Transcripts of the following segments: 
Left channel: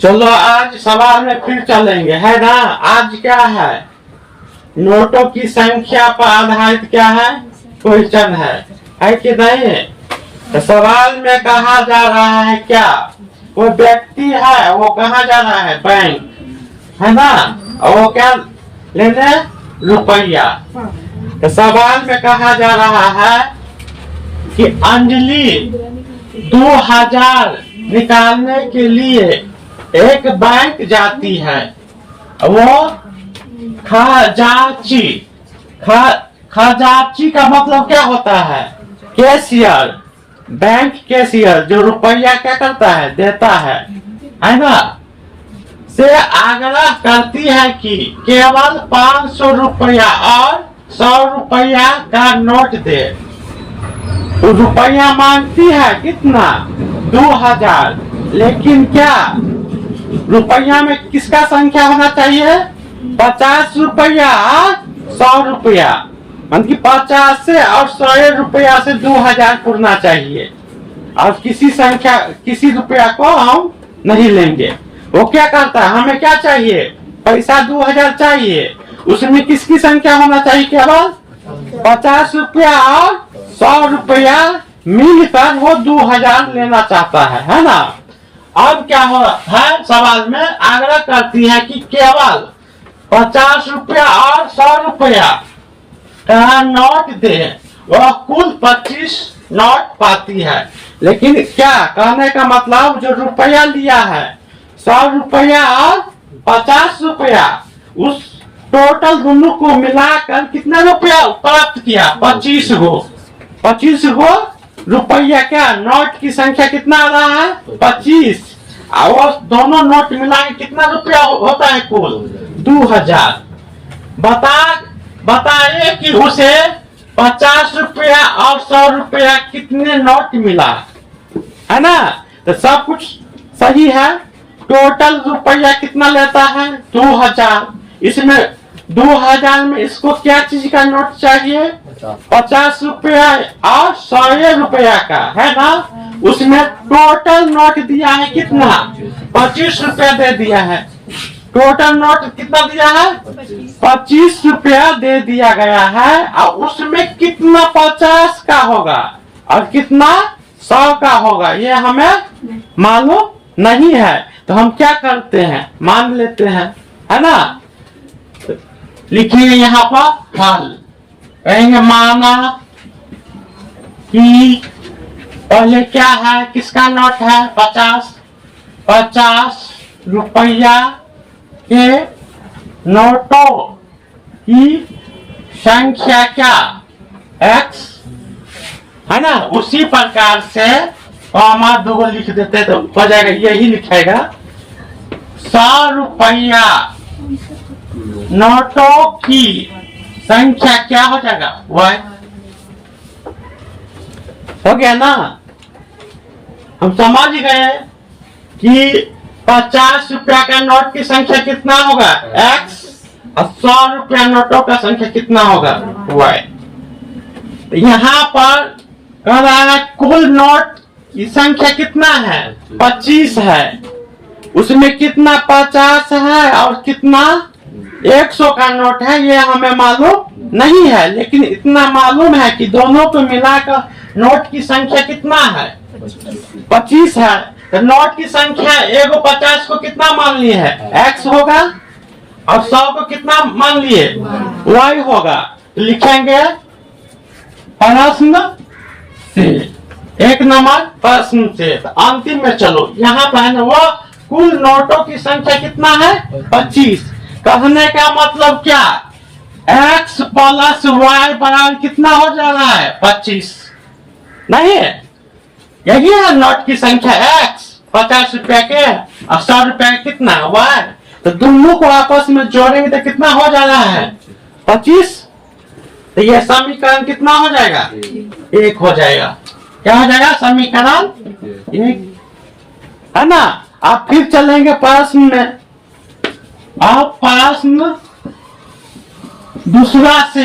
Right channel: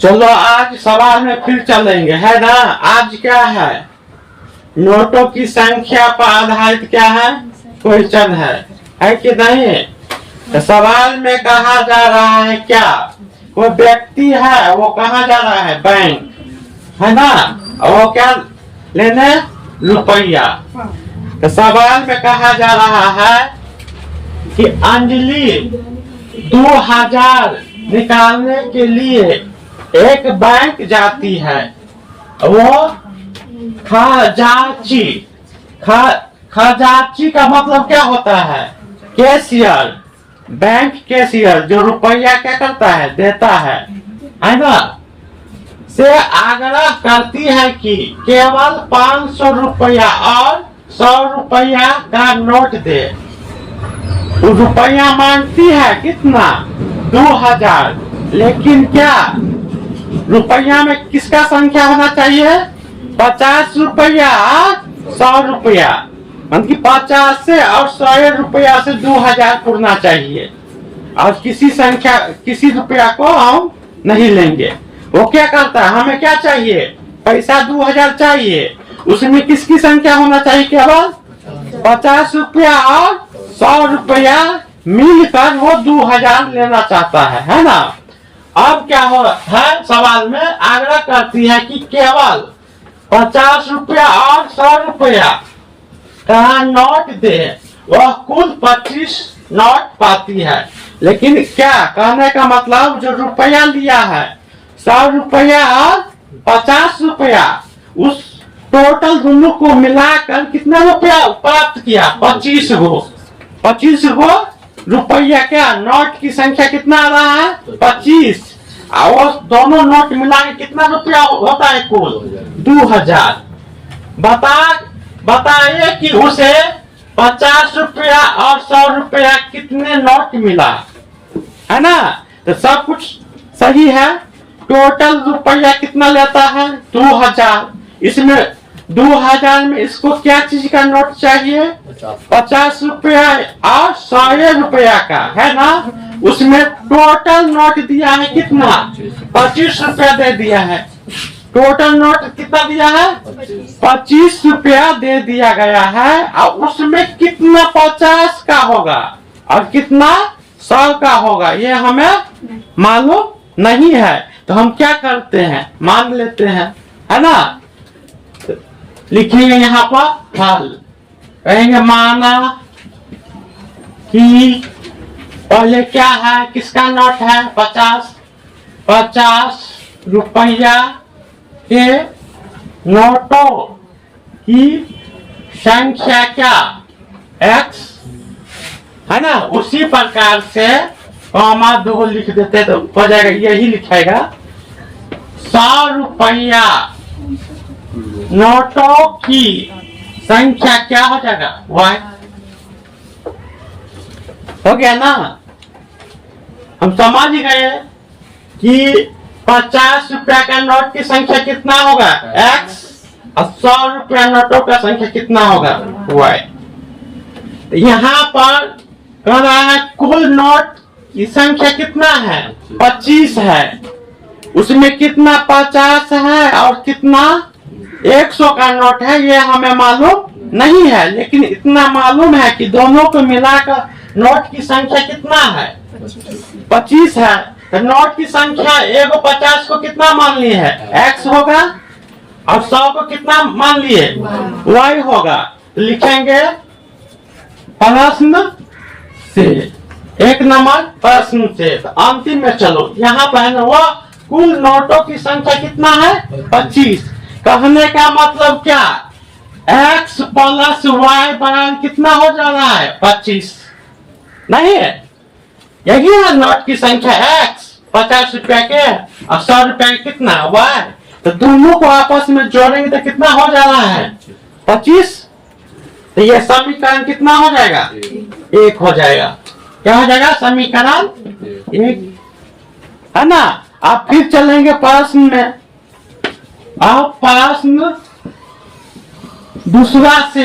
चलो आज सवाल में फिर चलेंगे, है ना। आज क्या है, नोटों की संख्या पर आधारित क्या है, क्वेश्चन है कि नहीं। तो सवाल में कहा जा रहा है क्या, वो व्यक्ति है वो कहाँ जा रहा है, बैंक, है ना। और वो क्या लेने, रुपया। तो सवाल में कहा जा रहा है कि अंजलि 2000 निकालने के लिए एक बैंक जाती है। वो खजांची का मतलब क्या होता है, कैशियर, बैंक कैशियर, जो रुपया क्या करता है, देता है ना, से आग्रह करती है कि केवल 500 रुपया और 100 रुपया का नोट दे। वो रुपया मांगती है कितना, 2000, लेकिन क्या रुपया में किसका संख्या होना चाहिए, 50 रुपया 100 रुपया, मतलब 50 से और 100 रुपया से 2000 पुरना चाहिए। और किसी रुपया को हम नहीं लेंगे। वो क्या करता है, हमें क्या चाहिए, पैसा 2000 चाहिए, उसमें किसकी संख्या होना चाहिए, केवल 50 रुपया और 100 रुपया मिलकर वो 2000 लेना चाहता है ना। अब क्या हो है, सवाल में आग्रह करती है कि केवल 50 रुपया और 100 रुपया का नोट दे। वह कुल 25 नोट पाती है, लेकिन क्या कहने का मतलब, जो रुपया लिया है 100 रुपया और 50 रुपया, उस टोटल दोनों को मिलाकर कितना रुपया प्राप्त किया, 25 गो रुपया। क्या नोट की संख्या कितना आ रहा है, 25, और दोनों नोट मिला के कितना रुपया होता है, कुल 2000। बताइए कि उसे 50 रुपया और 100 रुपया कितने नोट मिला, है ना। तो सब कुछ सही है। टोटल रुपया कितना लेता है, 2000। इसमें 2000 में इसको क्या चीज का नोट चाहिए, 50 रुपया और 100 रुपया का, है ना। उसमें टोटल नोट दिया है कितना, 25 रुपया दे दिया है। टोटल नोट कितना दिया है, 25 रुपया दे दिया गया है। और उसमें कितना 50 का होगा और कितना 100 का होगा, ये हमें मालूम नहीं है। तो हम क्या करते हैं, मान लेते हैं, है ना। लिखिए यहाँ पर हल, कहेंगे माना कि पहले क्या है, किसका नोट है, 50 रुपया के नोटों की संख्या क्या, x, है ना। उसी प्रकार से कॉमा 2 लिख देते तो हो जाएगा, यही लिखेगा 100 रुपया नोटों की संख्या क्या हो जाएगा, y। हो गया ना। हम समझ गए कि 50 रुपया का नोट की संख्या कितना होगा, x, और 100 रुपया नोटों का संख्या कितना होगा, y। तो यहाँ पर कह रहा है कुल नोट की संख्या कितना है, 25 है। उसमें कितना 50 है और कितना 100 का नोट है, ये हमें मालूम नहीं है। लेकिन इतना मालूम है कि दोनों को मिलाकर नोट की संख्या कितना है, 25 है। तो नोट की संख्या 50 को कितना मान लिए है, x होगा, और 100 को कितना मान लिए, y होगा। तो लिखेंगे प्रश्न से, 1 नंबर प्रश्न से। तो अंतिम में चलो यहाँ पर वो कुल नोटों की संख्या कितना है, 25। कहने का मतलब क्या, x प्लस y बराबर कितना हो जा रहा है, 25, नहीं है। यही है नोट की संख्या, x 50 रुपया के और 100 रुपया कितना, y। तो दोनों को आपस में जोड़ेंगे तो कितना हो जा रहा है, 25। तो ये समीकरण कितना हो जाएगा, 1 हो जाएगा। क्या हो जाएगा, समीकरण 1, है ना। आप फिर चलेंगे प्रश्न में। अब प्रश्न दूसरा से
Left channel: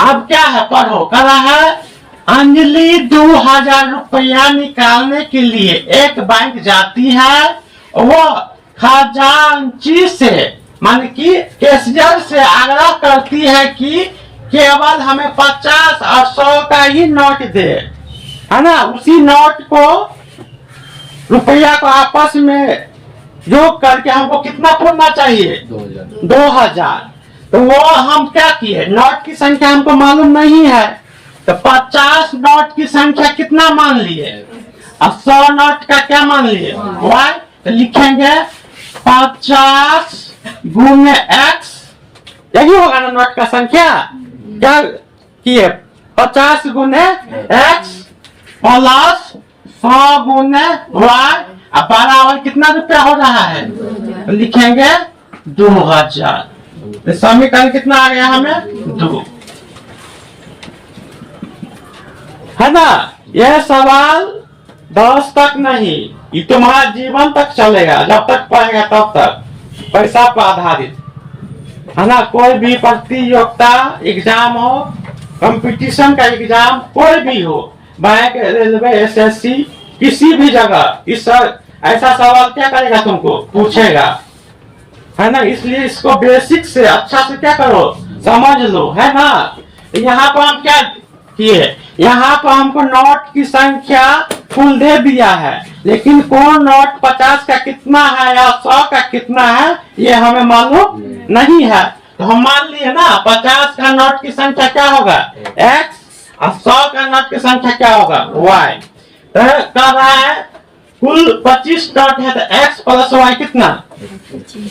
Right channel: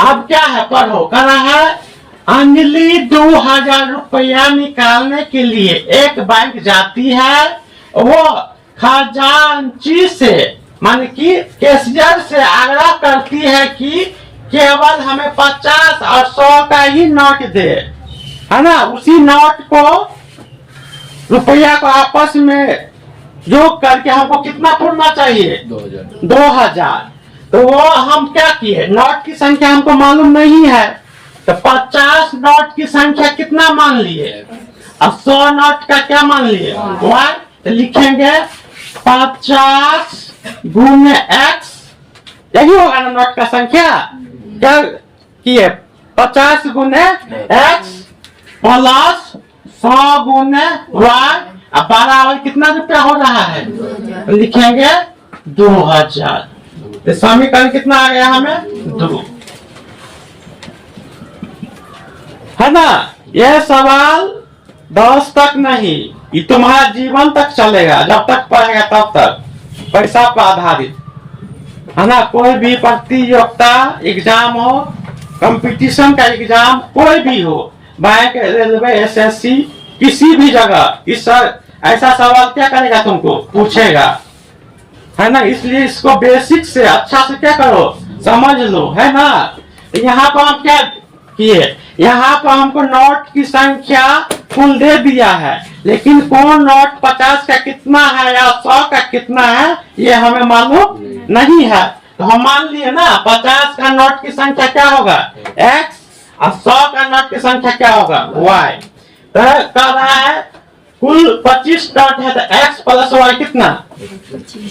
अब क्या है, पढ़ो, कह रहा है अंजलि 2000 रुपया निकालने के लिए एक बैंक जाती है, वो खजांची से मान की कैशियर से आग्रह करती है कि केवल हमें 50 और 100 का ही नोट दे, है ना। उसी नोट को रुपया को आपस में योग करके हमको कितना पूरना चाहिए, 2000। तो वो हम क्या किए, नोट की संख्या हमको मालूम नहीं है, तो 50 नोट की संख्या कितना मान लिए और 100 नोट का क्या मान लिए, y। तो लिखेंगे 50 गुने x, यही होगा ना नोट का संख्या। क्या किए, 50 गुने x प्लस 100 गुने y, अब बराबर कितना रुपया हो रहा है, तो लिखेंगे 2000। तो समीकरण कितना आ गया हमें, 2, है ना। यह सवाल 10 तक नहीं, ये तुम्हारा जीवन तक चलेगा, जब तक पढ़ेगा तब तक, पैसा पर आधारित, है ना। कोई भी प्रतियोगिता एग्जाम हो, कंपटीशन का एग्जाम कोई भी हो, बैंक, रेलवे, एसएससी, किसी भी जगह इस ऐसा सवाल क्या करेगा, तुमको पूछेगा, है ना। इसलिए इसको बेसिक से अच्छा से क्या करो, समझ लो, है ना। यहाँ पर हम क्या किए, यहाँ पर हमको नोट की संख्या फुल दे दिया है, लेकिन कौन नोट 50 का कितना है या 100 का कितना है ये हमें मालूम नहीं है। तो हम मान लिए ना 50 का नोट की संख्या क्या होगा x और 100 का नोट की संख्या क्या होगा y। तो कह रहा है कुल 25 नोट है, तो x प्लस y कितना,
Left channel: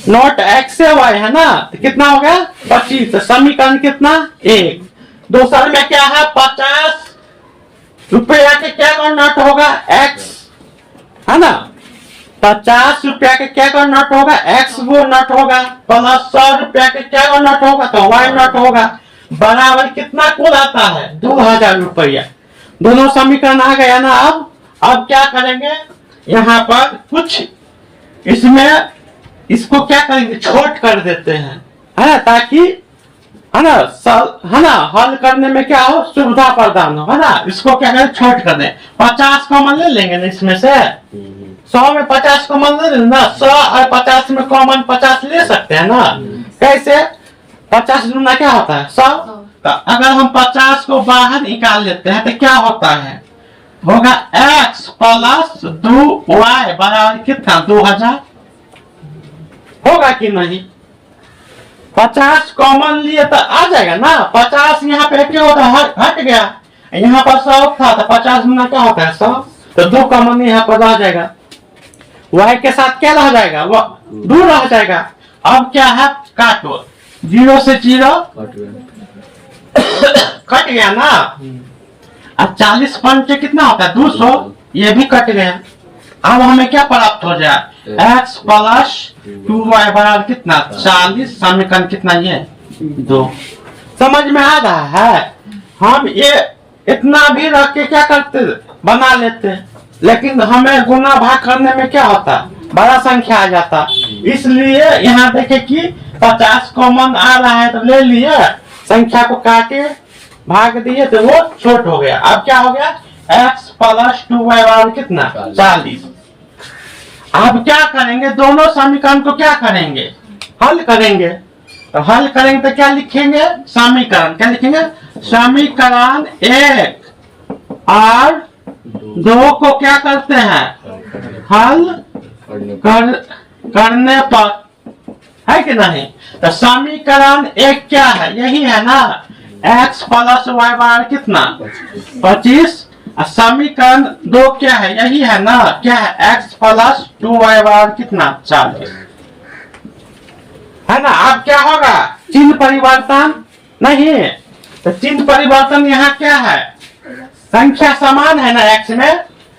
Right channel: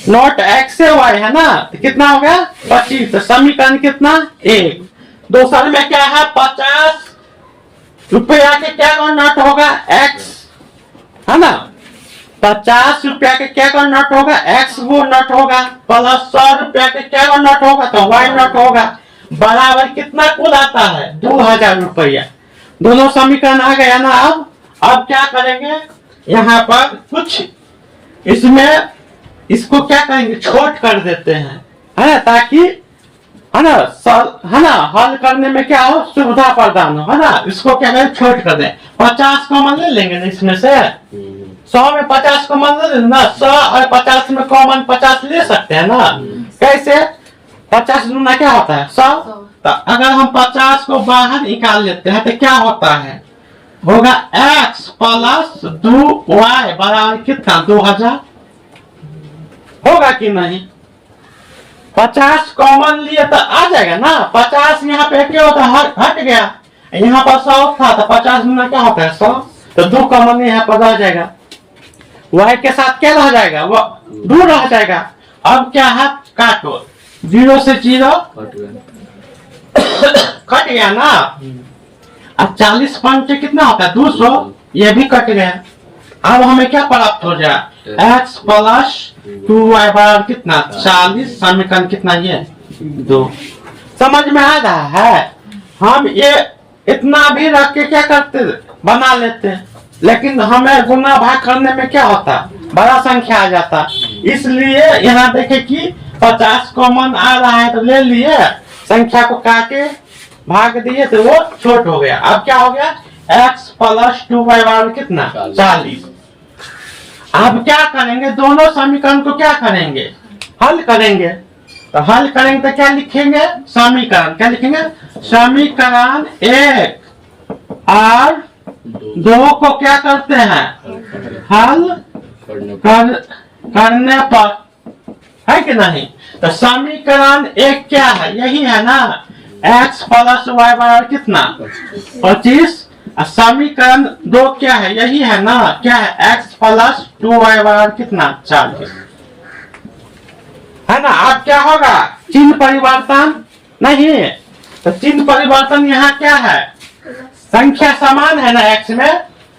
नोट x से y है ना, तो कितना हो गया 25। तो समीकरण कितना 1। दूसरे में क्या है, 50 रुपया के क्या कौन नोट होगा x, है ना। 50 रुपया के क्या कौन नोट होगा x वो नोट होगा, प्लस 100 रुपया के क्या कौन नोट होगा, तो y नोट होगा, बराबर कितना कुल आता है 2000 रुपया। दोनों समीकरण आ गया ना। अब क्या करेंगे, यहाँ पर कुछ इसमें इसको क्या करेंगे, छोट कर देते हैं, है ना, ताकि है ना हल करने में क्या हो, सुविधा प्रदान हो, है ना। इसको क्या करें, छोट कर दें। 50 कॉमन ले लेंगे ना इसमें से, 100 में 50 कॉमन ले लेना, 100 और 50 में कॉमन 50 ले सकते हैं ना। कैसे, 50 दूना क्या होता है 100। तो अगर हम 50 को बाहर निकाल लेते हैं तो क्या होता है, होगा x प्लस 2y बराबर कितना 2000, होगा कि नहीं। 50 कॉमन लिए तो आ जाएगा ना, 50 यहाँ पे क्या होता है, हट गया, यहाँ पर 100 था तो 50 गुना क्या होता है 100, तो 2 कॉमन यहाँ पर रह जाएगा, y के साथ क्या रह जाएगा, वो 2 रह जाएगा। अब क्या है, काटो, 0 से 0 कट गया ना। अब 40 पंचे कितना होता है 200, ये भी कट गया। अब हमें क्या प्राप्त हो जाए, x प्लस 2y बराबर कितना 40। समीकरण कितना, ये 2। समझ में आ रहा है। हम ये इतना भी रख के क्या करते, बना लेते, लेकिन हमें गुना भाग करने में क्या होता, बड़ा संख्या आ जाता। इसलिए यहाँ देखे कि 50 कॉमन आ रहा है तो ले लिए, संख्या को काटे भाग दिए तो वो छोट हो गया। अब क्या हो गया, x प्लस 2y बराबर कितना 40। अब क्या करेंगे, दोनों समीकरण को क्या करेंगे, हल करेंगे। तो हल करेंगे तो क्या लिखेंगे, समीकरण क्या लिखेंगे, समीकरण 1 और 2 को क्या करते हैं, हल करने पर, है कि नहीं। तो समीकरण 1 क्या है, यही है ना, x प्लस y बराबर कितना 25। समीकरण 2 क्या है, यही है ना, क्या है, x प्लस 2y बराबर कितना 40, है ना। अब क्या होगा, चिन्ह परिवर्तन नहीं, तो चिन्ह परिवर्तन यहाँ क्या है, संख्या समान है ना x में,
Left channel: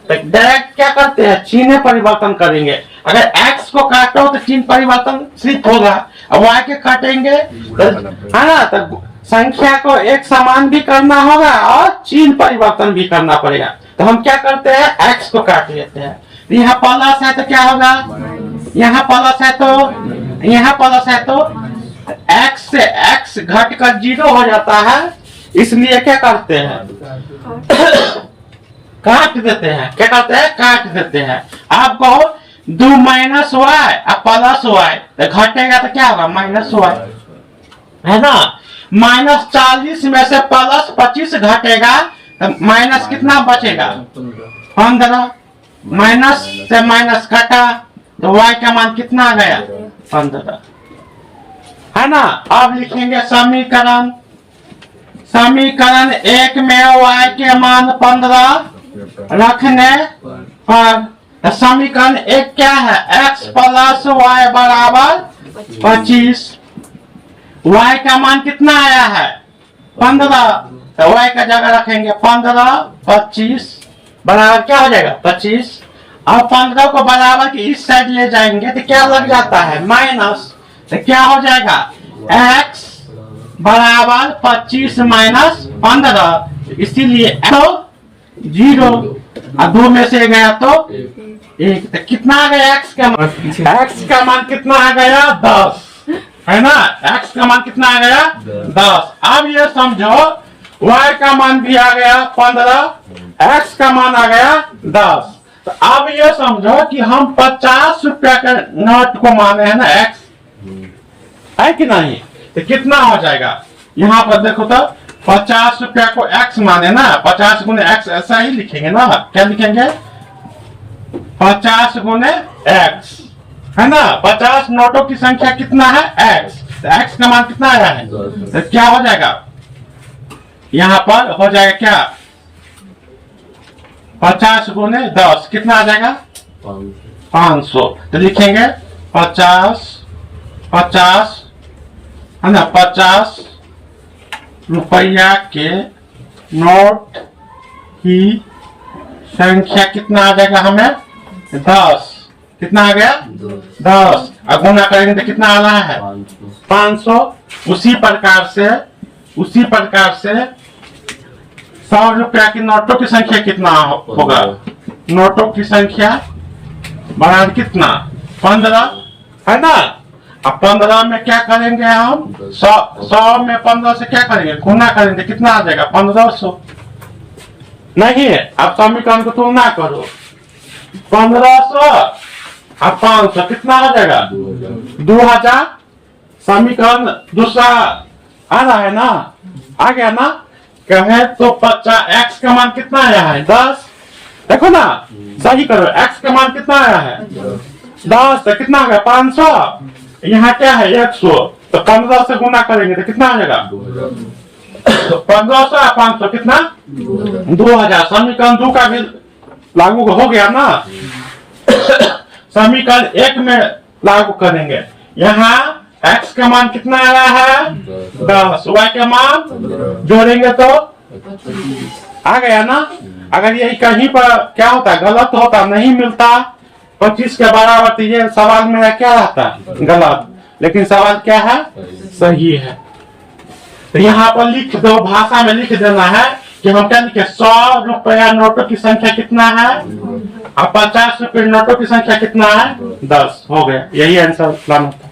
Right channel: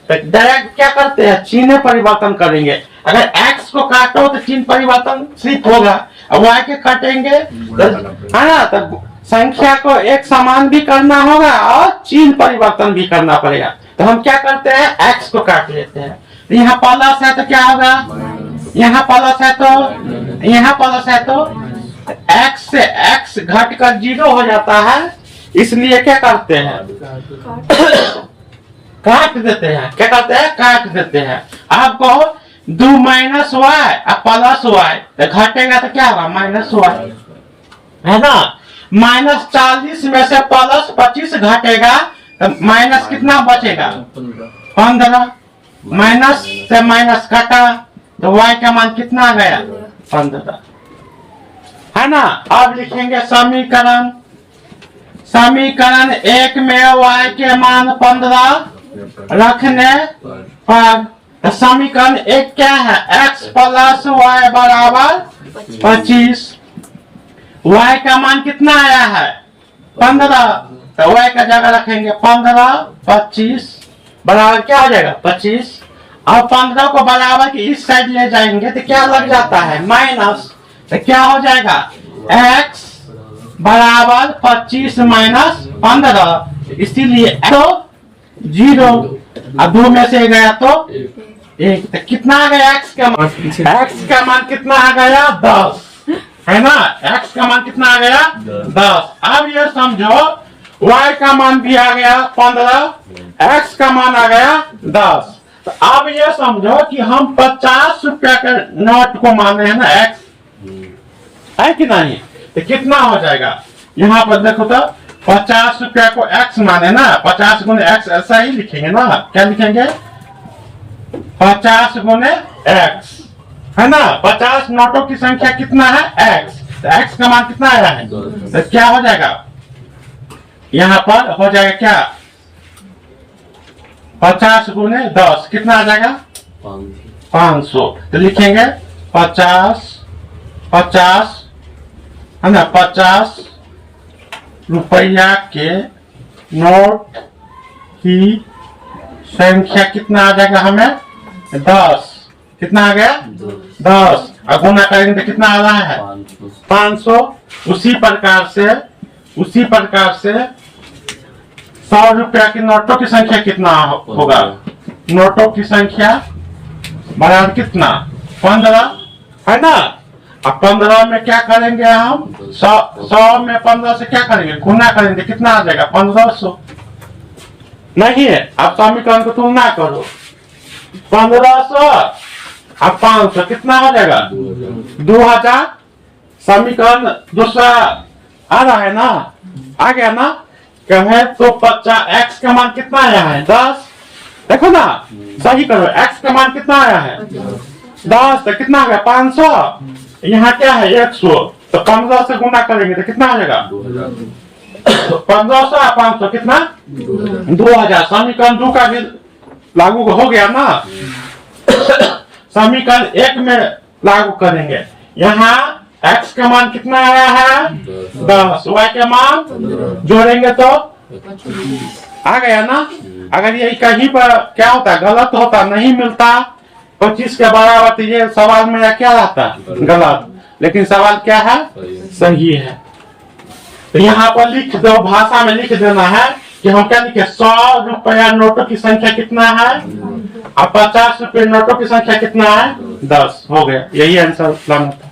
तो डायरेक्ट क्या करते हैं, चिन्ह परिवर्तन करेंगे। अगर x को काटो तो चिन्ह परिवर्तन सिर्फ होगा, y के काटेंगे तो, है ना, तो संख्या को एक समान भी करना होगा और चिन्ह परिवर्तन भी करना पड़ेगा। तो हम क्या करते हैं, x को काट लेते हैं। तो यहाँ प्लस है तो क्या होगा, यहाँ प्लस है तो यहाँ प्लस है तो x से x घट कर 0 हो जाता है, इसलिए क्या करते हैं, काट देते हैं। क्या करते हैं, काट देते हैं। आप कहो 2 माइनस वाई और प्लस वाई, तो घटेगा तो क्या होगा, माइनस वाई, है ना। -40 में से +25 घटेगा तो माइनस कितना बचेगा, 15। माइनस से माइनस घटा तो y का मान कितना आ गया, 15, है ना। अब लिखेंगे समीकरण। समीकरण 1 में y के मान 15 रखने पर, तो समीकरण 1 क्या है, x + y = 25। y का मान कितना आया है, 15, तो y का जगह रखेंगे 15, 25 बराबर क्या हो जाएगा, 25। अब 15 को बराबर के इस साइड ले जाएंगे तो क्या लग जाता है, माइनस, तो क्या हो जाएगा, x बराबर 25 - 15, इसीलिए तो 0 और 2 में से गया तो 1, तो कितना आ गया x का मान, x का मान कितना आ गया, 10, है ना। x का मान कितना आ गया, 10। अब ये समझो y का मान भी आ गया 15, x का मान आ गया 10। तो अब ये समझो कि हम 50 रुपया के नोट को माने हैं ना x, है कि नहीं, तो कितना हो जाएगा, यहाँ पर देखो तो 50 रुपया को x माने ना, 50 गुने x ऐसा ही लिखेंगे ना, क्या लिखेंगे, 50 गुने x, है ना। 50 नोटों की संख्या कितना है, x, तो x का मान कितना आया है, तो क्या हो जाएगा, यहाँ पर हो जाएगा क्या, 50 गुने 10 कितना आ जाएगा, 500। तो लिखेंगे 50 है ना, 50 रुपया के नोट की संख्या कितना आ जाएगा हमें, 10, कितना आ गया, 10, और गुना करेंगे तो कितना आ रहा है, 500। उसी प्रकार से 100 रुपया की नोटों की संख्या कितना होगा, नोटों की संख्या बराबर कितना, 15, है ना। अब 15 में क्या करेंगे हम, 100 में 15 से क्या करेंगे, गुना करेंगे, कितना आ जाएगा, 1500। नहीं है, अब समीकरण को तुलना करो, 1500 और 500 कितना हो जाएगा, 2000। समीकरण दूसरा आ रहा है ना, आ गया ना, कहे तो 50, x का मान कितना आया है, 10, देखो ना, सही करो, x का मान कितना आया है, 10, तो कितना आ गया, 500, यहाँ क्या है 100, तो 15 से गुना करेंगे तो कितना आ जाएगा, 1500 और 500 कितना, 2000। समीकरण 2 का भी लागू हो गया ना। समीकरण 1 में लागू करेंगे, यहाँ x का मान कितना आया है, 10, y का मान जोड़ेंगे तो आ गया ना। अगर ये कहीं पर क्या होता है, गलत होता, नहीं मिलता 25 के बराबर, तो ये सवाल मेरा क्या रहता, गलत, लेकिन सवाल क्या है, सही है। तो यहाँ पर लिख दो, भाषा में लिख देना है कि हम क्या लिखे, 100 रुपया नोटों की संख्या कितना है, और 50 रुपये नोटों की संख्या कितना है, 10, हो गया, यही आंसर लाना था।